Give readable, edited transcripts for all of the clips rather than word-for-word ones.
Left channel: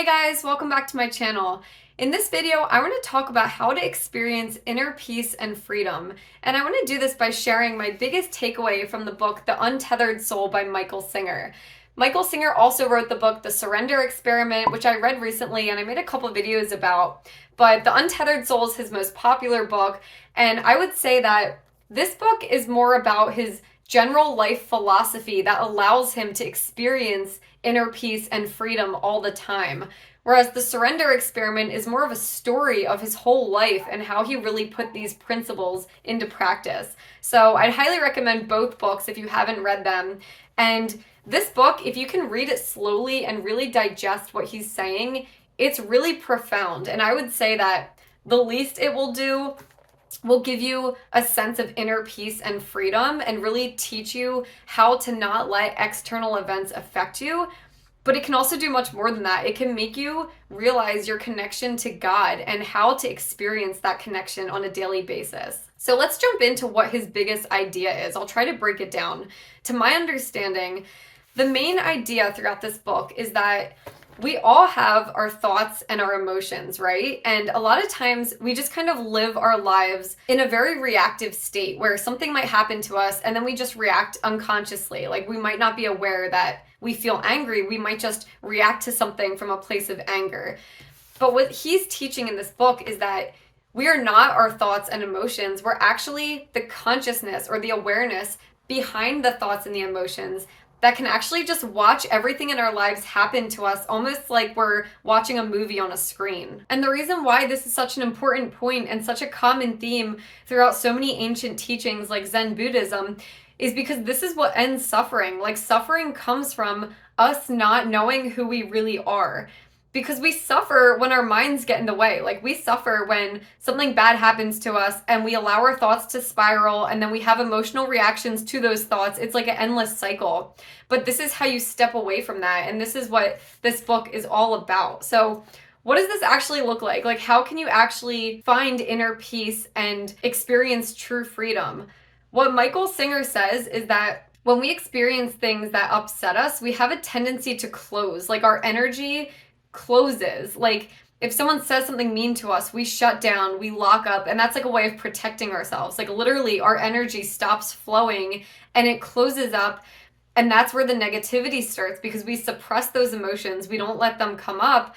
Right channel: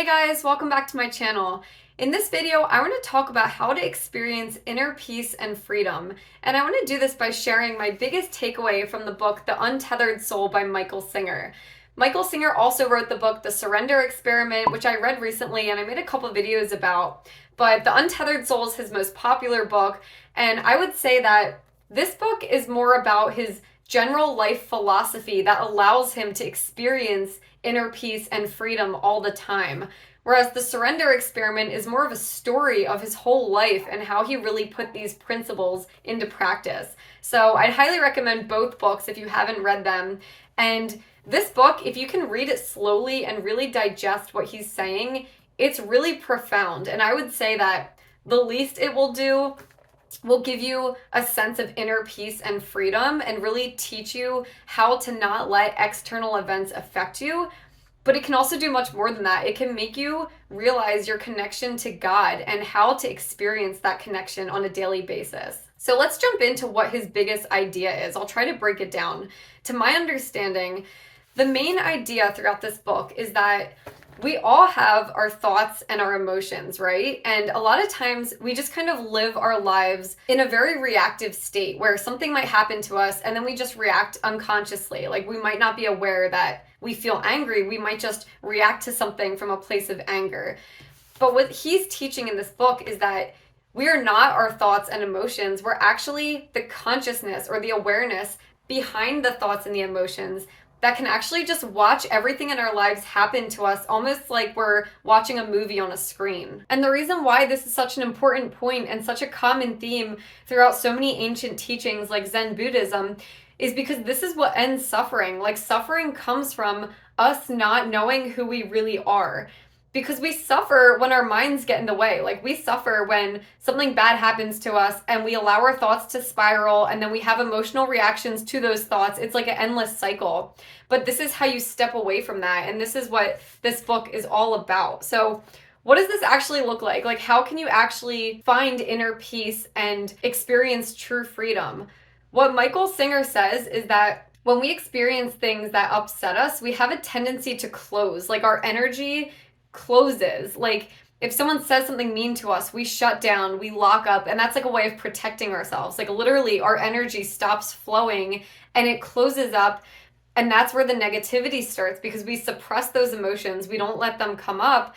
Hey guys, welcome back to my channel. In this video, I want to talk about how to experience inner peace and freedom. And I want to do this by sharing my biggest takeaway from the book, The Untethered Soul by Michael Singer. Michael Singer also wrote the book, The Surrender Experiment, which I read recently and I made a couple videos about. But The Untethered Soul is his most popular book. And I would say that this book is more about his general life philosophy that allows him to experience inner peace and freedom all the time. Whereas the surrender experiment is more of a story of his whole life and how he really put these principles into practice. So I'd highly recommend both books if you haven't read them. And this book, if you can read it slowly and really digest what he's saying, it's really profound. And I would say that the least it will give you a sense of inner peace and freedom and really teach you how to not let external events affect you. But it can also do much more than that. It can make you realize your connection to God and how to experience that connection on a daily basis. So let's jump into what his biggest idea is. I'll try to break it down. To my understanding, the main idea throughout this book is that we all have our thoughts and our emotions, right? And a lot of times we just kind of live our lives in a very reactive state where something might happen to us and then we just react unconsciously. Like we might not be aware that we feel angry. We might just react to something from a place of anger. But what he's teaching in this book is that we are not our thoughts and emotions. We're actually the consciousness or the awareness behind the thoughts and the emotions that can actually just watch everything in our lives happen to us almost like we're watching a movie on a screen. And the reason why this is such an important point and such a common theme throughout so many ancient teachings like Zen Buddhism is because this is what ends suffering. Like suffering comes from us not knowing who we really are. Because we suffer when our minds get in the way. Like we suffer when something bad happens to us and we allow our thoughts to spiral and then we have emotional reactions to those thoughts. It's like an endless cycle. But this is how you step away from that. And this is what this book is all about. So what does this actually look like? Like how can you actually find inner peace and experience true freedom? What Michael Singer says is that when we experience things that upset us, we have a tendency to close. Like our energy closes. Like if someone says something mean to us, we shut down, we lock up, and that's like a way of protecting ourselves. Like literally our energy stops flowing and it closes up, and that's where the negativity starts because we suppress those emotions. We don't let them come up.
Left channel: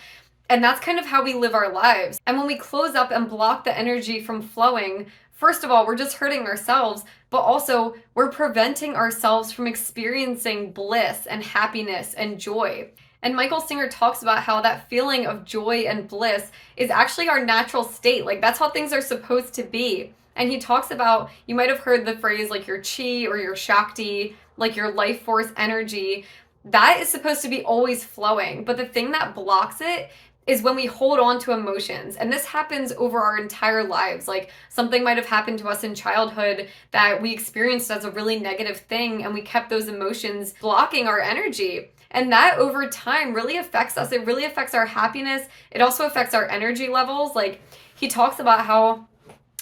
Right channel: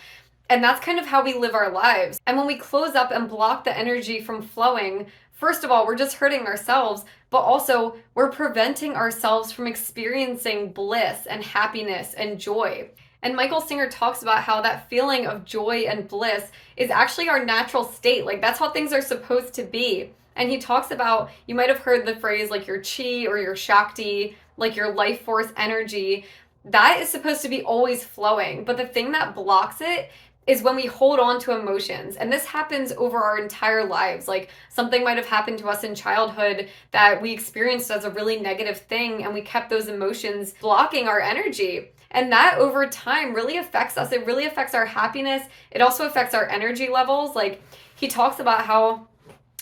And that's kind of how we live our lives. And when we close up and block the energy from flowing, first of all, we're just hurting ourselves, but also we're preventing ourselves from experiencing bliss and happiness and joy. And Michael Singer talks about how that feeling of joy and bliss is actually our natural state. Like that's how things are supposed to be. And he talks about, you might have heard the phrase like your chi or your shakti, like your life force energy. That is supposed to be always flowing. But the thing that blocks it is when we hold on to emotions. And this happens over our entire lives. Like something might have happened to us in childhood that we experienced as a really negative thing and we kept those emotions blocking our energy. And that over time really affects us. It really affects our happiness. It also affects our energy levels. Like he talks about how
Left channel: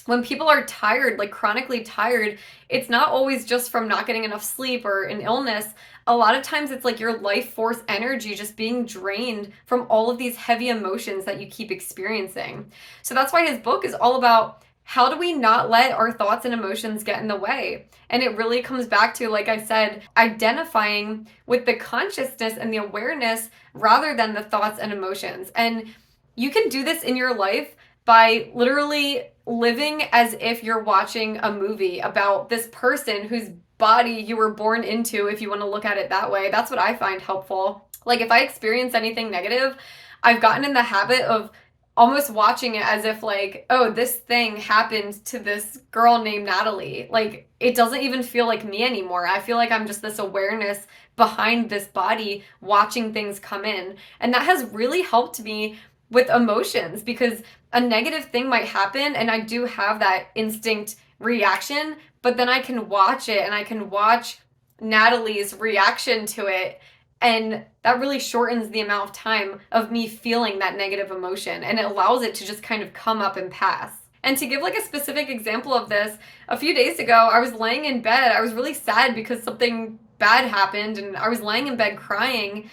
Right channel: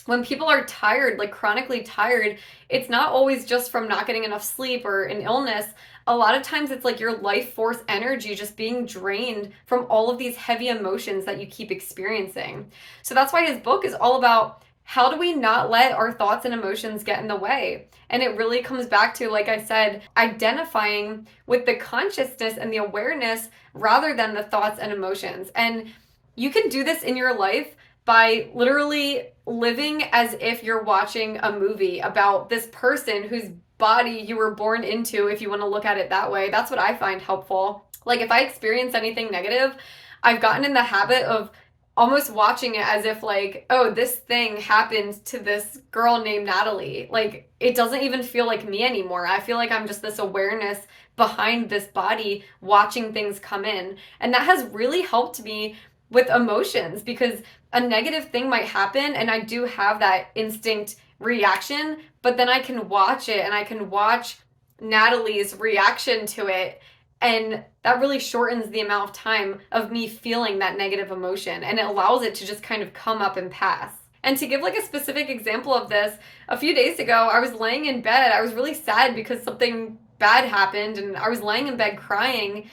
when people are tired, like chronically tired, it's not always just from not getting enough sleep or an illness. A lot of times it's like your life force energy just being drained from all of these heavy emotions that you keep experiencing. So that's why his book is all about how do we not let our thoughts and emotions get in the way? And it really comes back to, like I said, identifying with the consciousness and the awareness rather than the thoughts and emotions. And you can do this in your life by literally living as if you're watching a movie about this person whose body you were born into, if you want to look at it that way. That's what I find helpful. Like if I experience anything negative, I've gotten in the habit of almost watching it as if like, oh, this thing happened to this girl named Natalie. Like it doesn't even feel like me anymore. I feel like I'm just this awareness behind this body watching things come in. And that has really helped me with emotions because a negative thing might happen and I do have that instinct reaction, but then I can watch it and I can watch Natalie's reaction to it. And that really shortens the amount of time of me feeling that negative emotion. And it allows it to just kind of come up and pass. And to give like a specific example of this, a few days ago, I was laying in bed. I was really sad because something bad happened and I was laying in bed crying.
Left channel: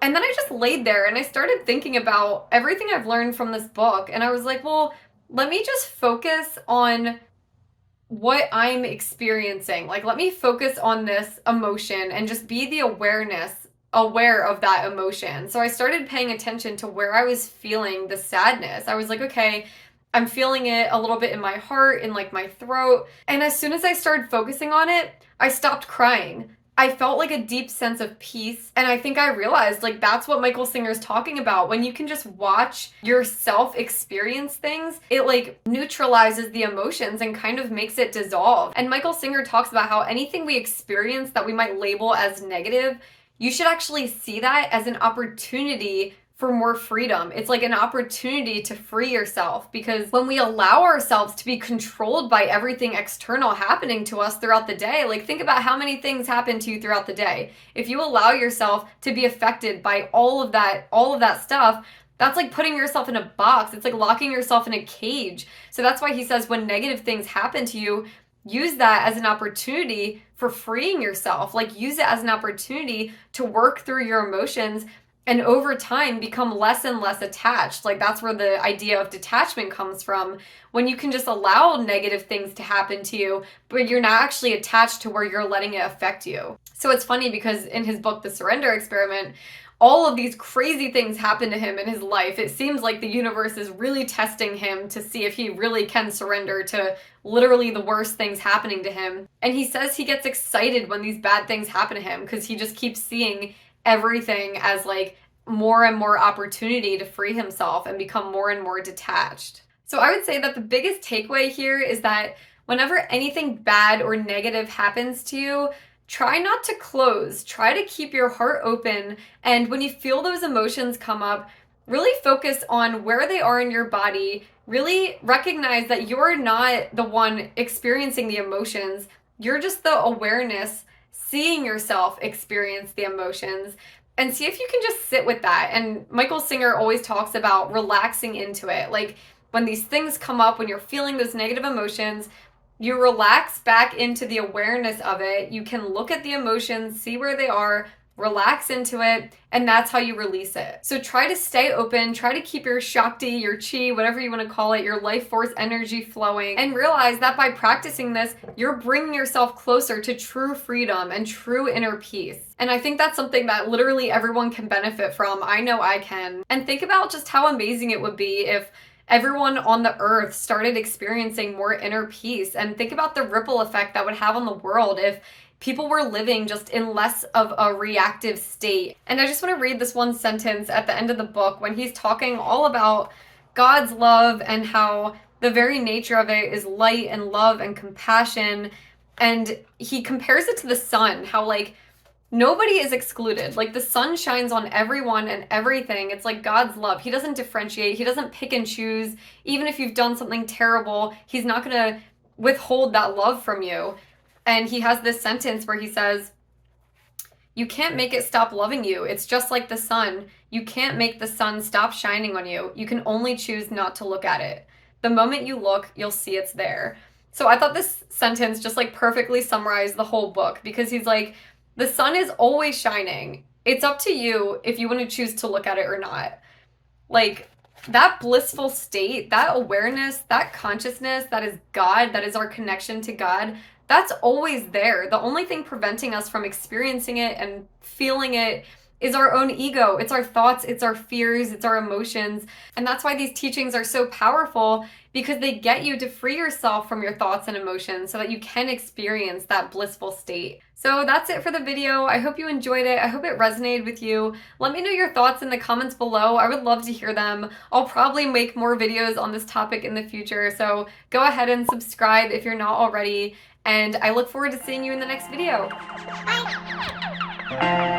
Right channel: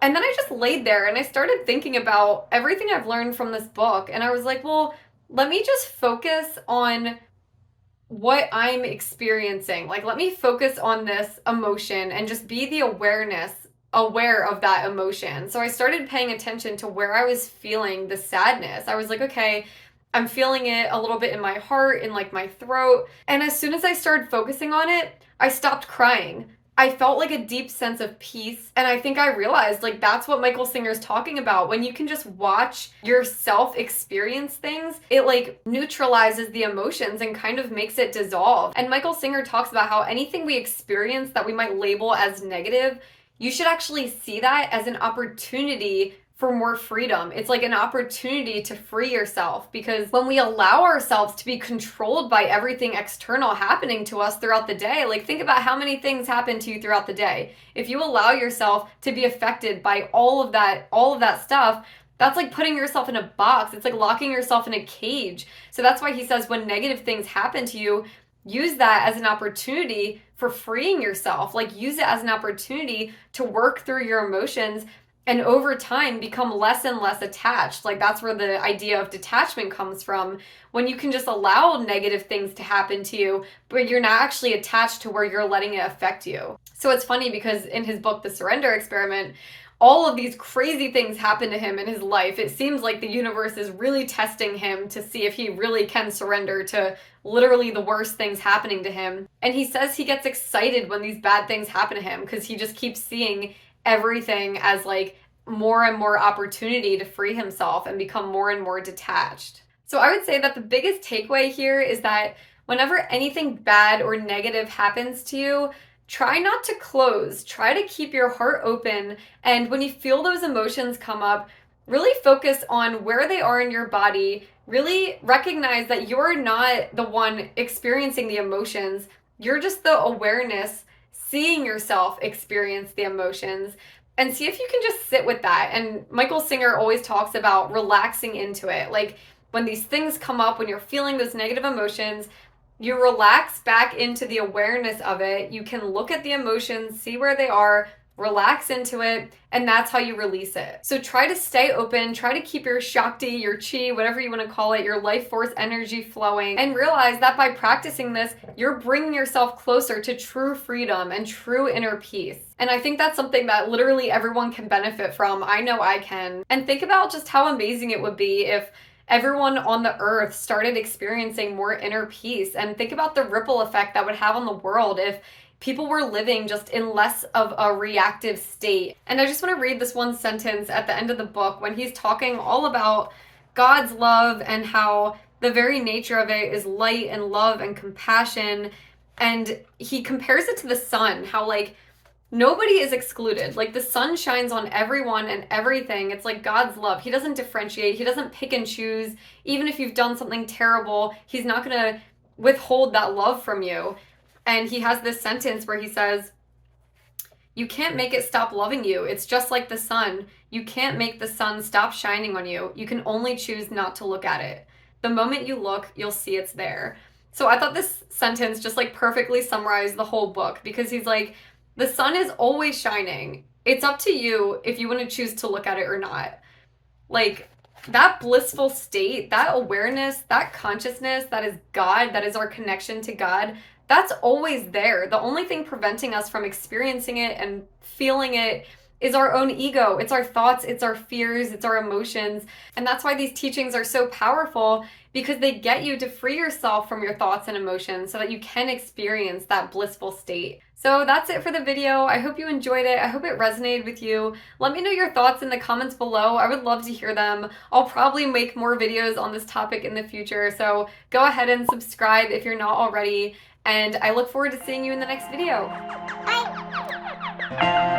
And then I just laid there and I started thinking about everything I've learned from this book. And I was like, well, let me just focus on what I'm experiencing. Like, let me focus on this emotion and just be the aware of that emotion. So I started paying attention to where I was feeling the sadness. I was like, okay, I'm feeling it a little bit in my heart, in like my throat. And as soon as I started focusing on it, I stopped crying. I felt like a deep sense of peace. And I think I realized like that's what Michael Singer's talking about. When you can just watch yourself experience things, it like neutralizes the emotions and kind of makes it dissolve. And Michael Singer talks about how anything we experience that we might label as negative, you should actually see that as an opportunity for more freedom. It's like an opportunity to free yourself, because when we allow ourselves to be controlled by everything external happening to us throughout the day, like think about how many things happen to you throughout the day. If you allow yourself to be affected by all of that stuff, that's like putting yourself in a box. It's like locking yourself in a cage. So that's why he says when negative things happen to you, use that as an opportunity for freeing yourself. Like use it as an opportunity to work through your emotions and over time become less and less attached. Like that's where the idea of detachment comes from. When you can just allow negative things to happen to you, but you're not actually attached to where you're letting it affect you. So it's funny because in his book, The Surrender Experiment, all of these crazy things happen to him in his life. It seems like the universe is really testing him to see if he really can surrender to literally the worst things happening to him. And he says he gets excited when these bad things happen to him because he just keeps seeing everything as like more and more opportunity to free himself and become more and more detached. So I would say that the biggest takeaway here is that whenever anything bad or negative happens to you, try not to close. Try to keep your heart open. And when you feel those emotions come up, really focus on where they are in your body. Really recognize that you're not the one experiencing the emotions. You're just the awareness seeing yourself experience the emotions, and see if you can just sit with that. And Michael Singer always talks about relaxing into it. Like when these things come up, when you're feeling those negative emotions, you relax back into the awareness of it. You can look at the emotions, see where they are, relax into it, and that's how you release it. So try to stay open, try to keep your Shakti, your Chi, whatever you want to call it, your life force energy flowing, and realize that by practicing this, you're bringing yourself closer to true freedom and true inner peace. And I think that's something that literally everyone can benefit from. I know I can. And think about just how amazing it would be if everyone on the earth started experiencing more inner peace, and think about the ripple effect that would have on the world if people were living just in less of a reactive state. And I just want to read this one sentence at the end of the book when he's talking all about God's love and how the very nature of it is light and love and compassion. And he compares it to the sun, how like nobody is excluded. Like the sun shines on everyone and everything. It's like God's love. He doesn't differentiate. He doesn't pick and choose. Even if you've done something terrible, he's not going to withhold that love from you. And he has this sentence where he says, you can't make it stop loving you. It's just like the sun. You can't make the sun stop shining on you. You can only choose not to look at it. The moment you look, you'll see it's there. So I thought this sentence just like perfectly summarized the whole book, because he's like, the sun is always shining. It's up to you if you want to choose to look at it or not. Like that blissful state, that awareness, that consciousness, that is God, that is our connection to God, that's always there. The only thing preventing us from experiencing it and feeling it is our own ego. It's our thoughts, it's our fears, it's our emotions. And that's why these teachings are so powerful, because they get you to free yourself from your thoughts and emotions so that you can experience that blissful state. So that's it for the video. I hope you enjoyed it. I hope it resonated with you. Let me know your thoughts in the comments below. I would love to hear them. I'll probably make more videos on this topic in the future, so go ahead and subscribe if you're not already. And I look forward to seeing you in the next video. Bye!